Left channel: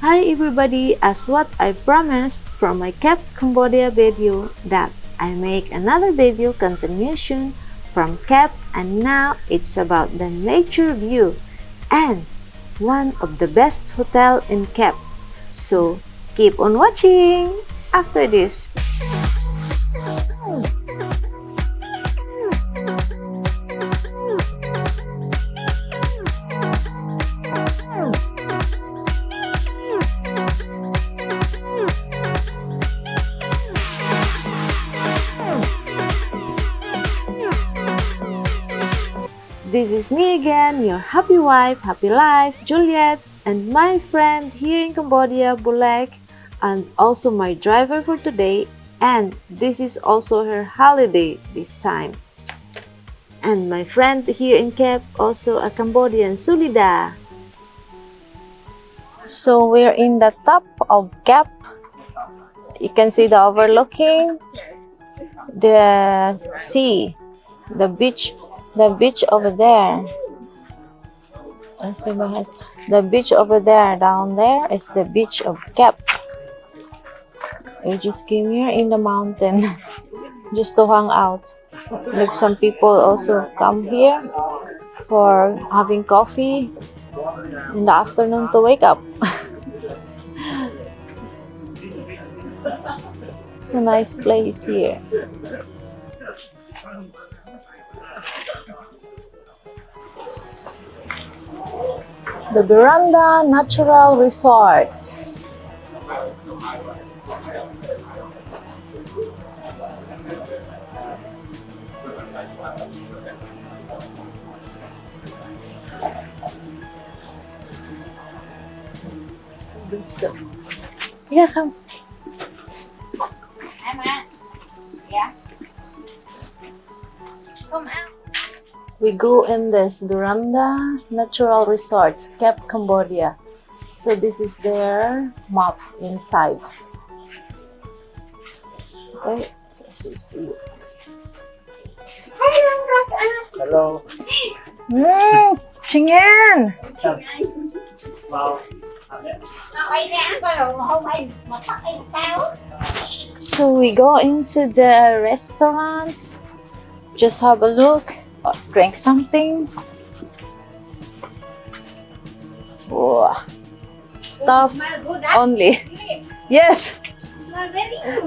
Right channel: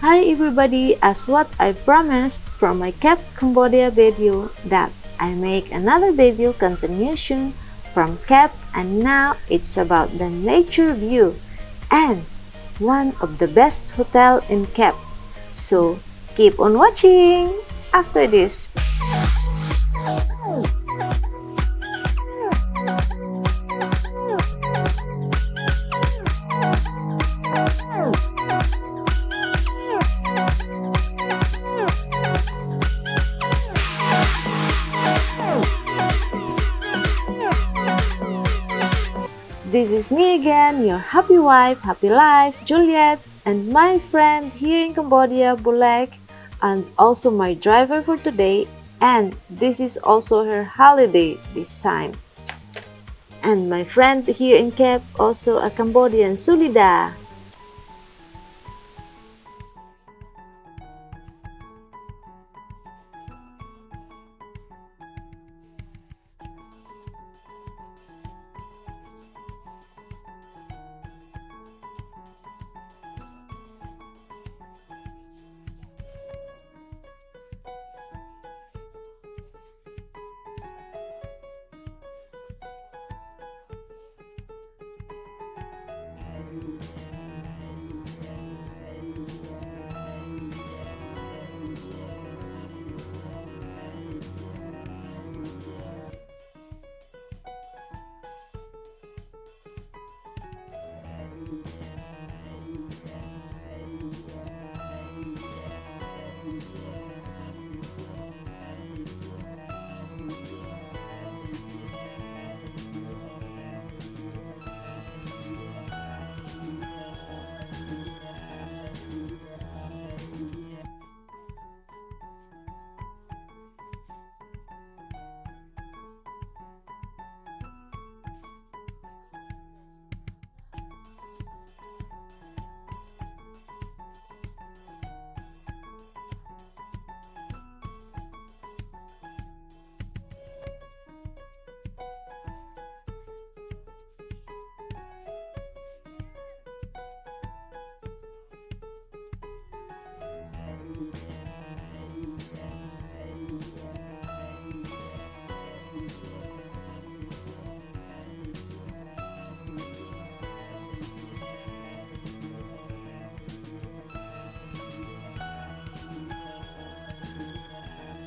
Hi everybody, as what I promised from my Cambodia video that I make another video continuation from Cap, and now it's about the nature view and one of the best hotel in Cap. So keep on watching after this. This is me again, your happy wife, happy life, Juliet, and my friend here in Cambodia, Bulek, and also my driver for today, and this is also her holiday this time. And my friend here in Cape, also a Cambodian, Sulida. So we're in the top of Cap. You can see the overlooking, the sea, the beach over there. The beach over there, down there is the beach of Cap. We just came here in the mountain just to hang out. Like some people also come here for having coffee in the afternoon to wake up. It's a nice place here. The Veranda Natural Resorts. Yeah, come. Come out. We go in this Veranda Natural Resorts, Cap, Cambodia. So this is their map inside. Okay, let's see. Hello. Chingen! So we go into the restaurant, just have a look, drink something. Oh, stuff only. Yes.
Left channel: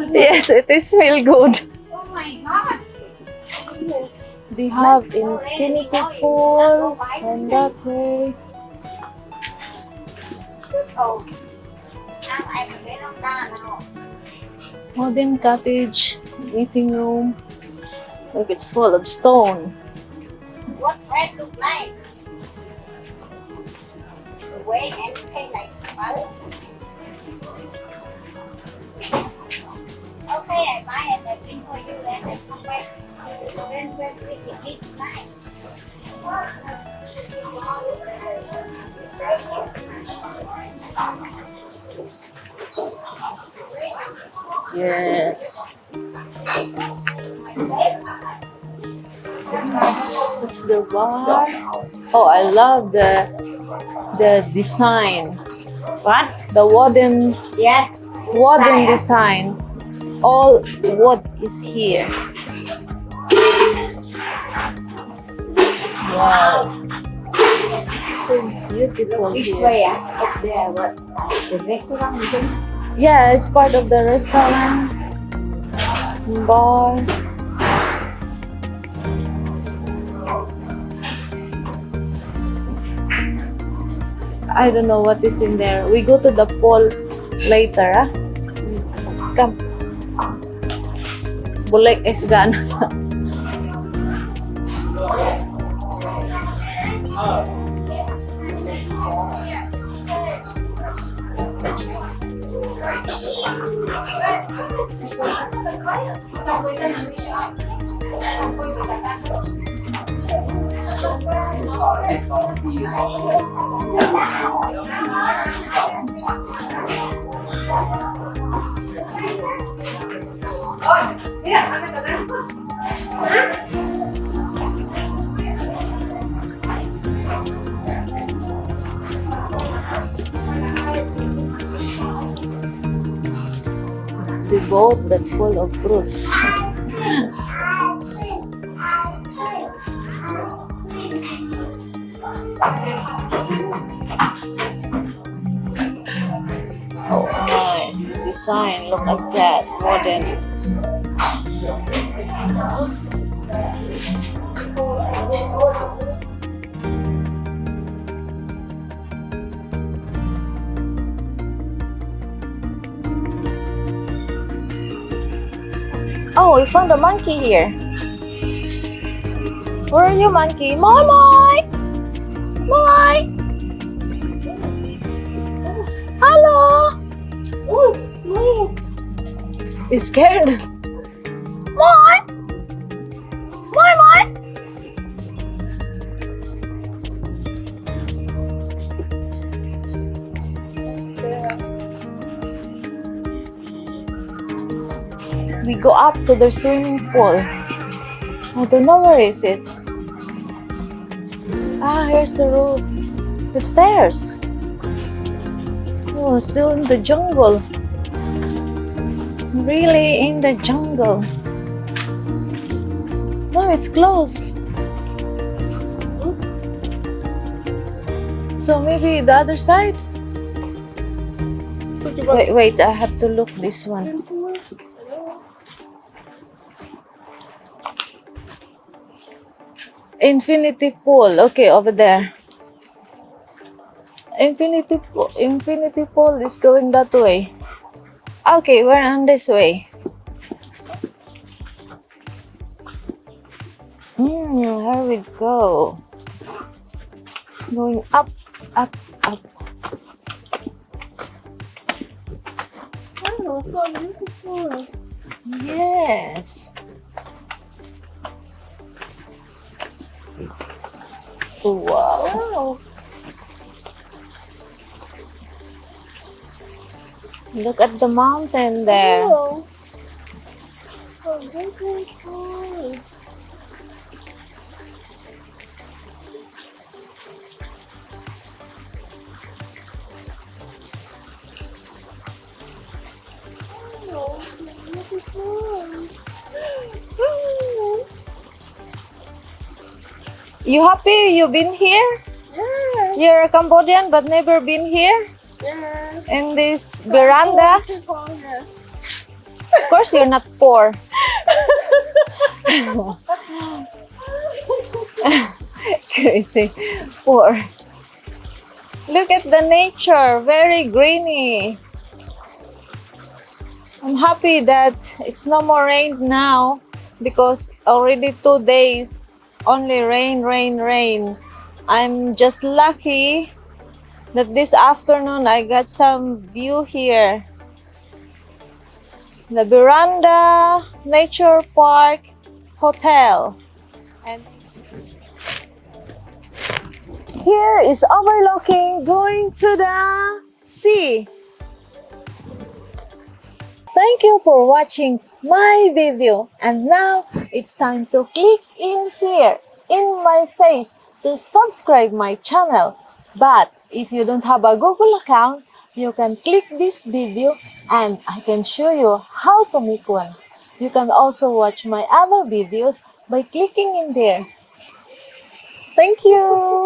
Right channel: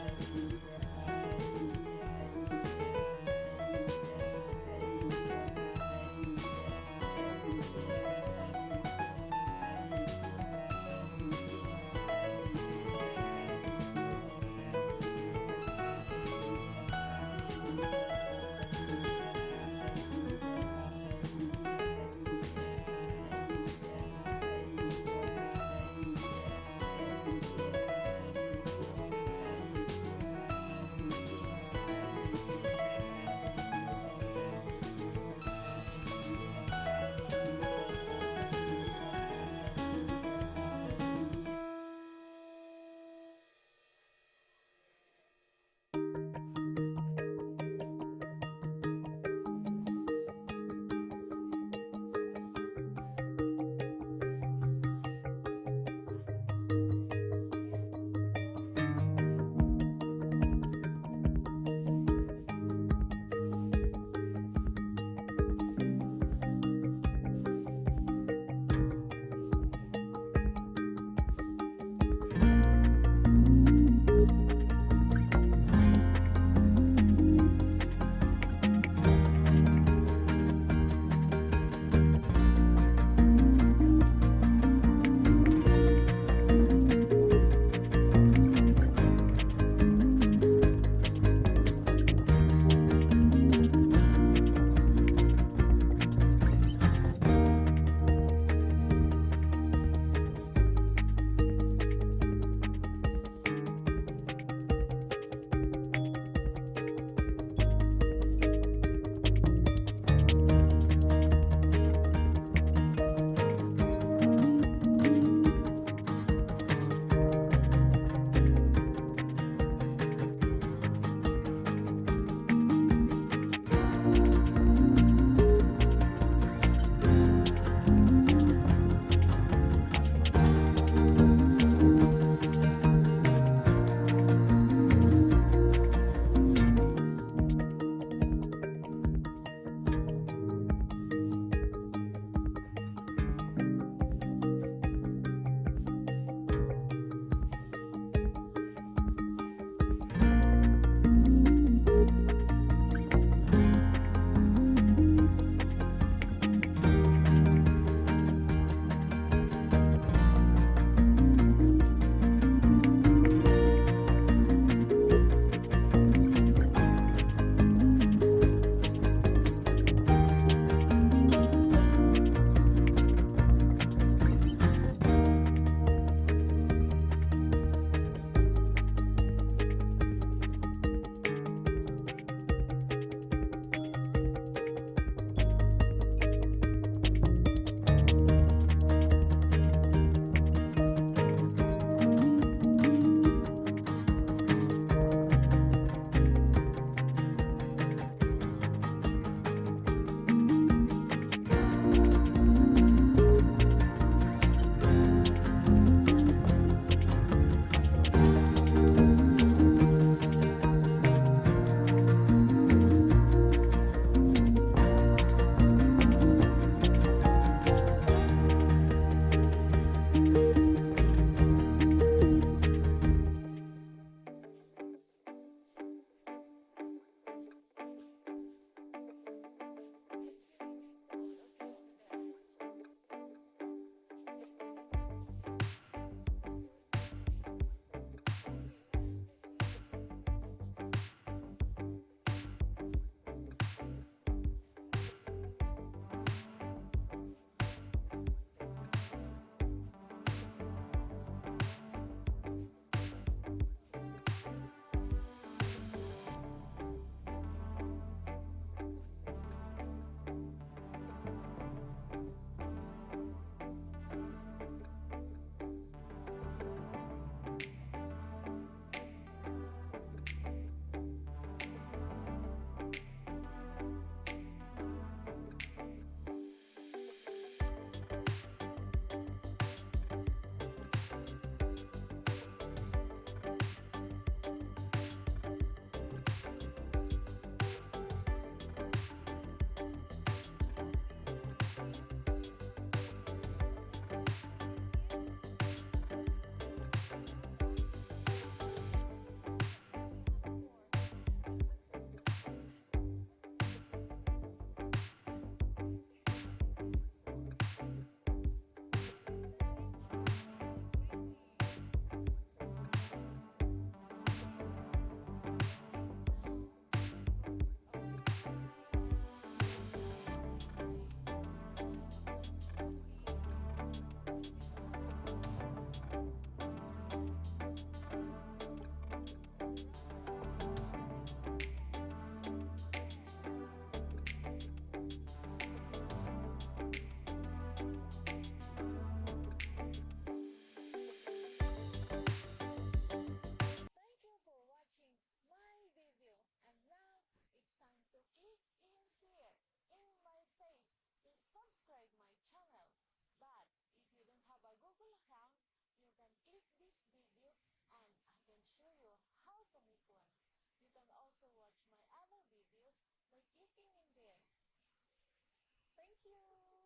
Yes, it is smell good. Oh my god! They have infinity pool and that way. Modern cottage, meeting room. Look, it's full of stone. What red look like? The way everything like well. Okay, I buy everything for you then and come back. When we eat tonight. Yes. It's the bar. Oh, I love the design. What? The wooden Yeah. design. All wood is here. Wow. So beautiful This here. way, up there, but the restaurant is Yeah, it's part of the restaurant, bar. I don't know what is in there. We go to the pool later, ah. Come. Bulek is gone. boat that full of fruits. Oh, nice design. Look at that, modern. Oh, we found a monkey here. Where are you, monkey? Moi moi! Moi! Hello! Oh, no. You scared? Moi! Moi moi! We go up to the swimming pool. I don't know where is it. Ah, here's the road. The stairs. Oh, still in the jungle. Really in the jungle. No, it's closed. So maybe the other side? Wait, I have to look this one. Infinity pool. Okay, over there. Infinity pool is going that way. Okay, we're on this way. Here we go. Going up, up, up. Oh, so beautiful. Yes. Wow. Wow. Look at the mountain there. Wow. So beautiful. Oh, beautiful. You happy you've been here? Yeah. You're a Cambodian but never been here Yeah. in this veranda? Beautiful, yeah. Of course you're not poor. Crazy. Poor. Look at the nature, very greeny. I'm happy that it's no more rain now because already 2 days only rain, rain, rain. I'm just lucky that this afternoon I got some view here. The Veranda Nature Park Hotel. And here is overlooking going to the sea. Thank you for watching my video, and now it's time to click in here in my face to subscribe my channel. But if you don't have a Google account, you can click this video and I can show you how to make one. You can also watch my other videos by clicking in there. Thank you.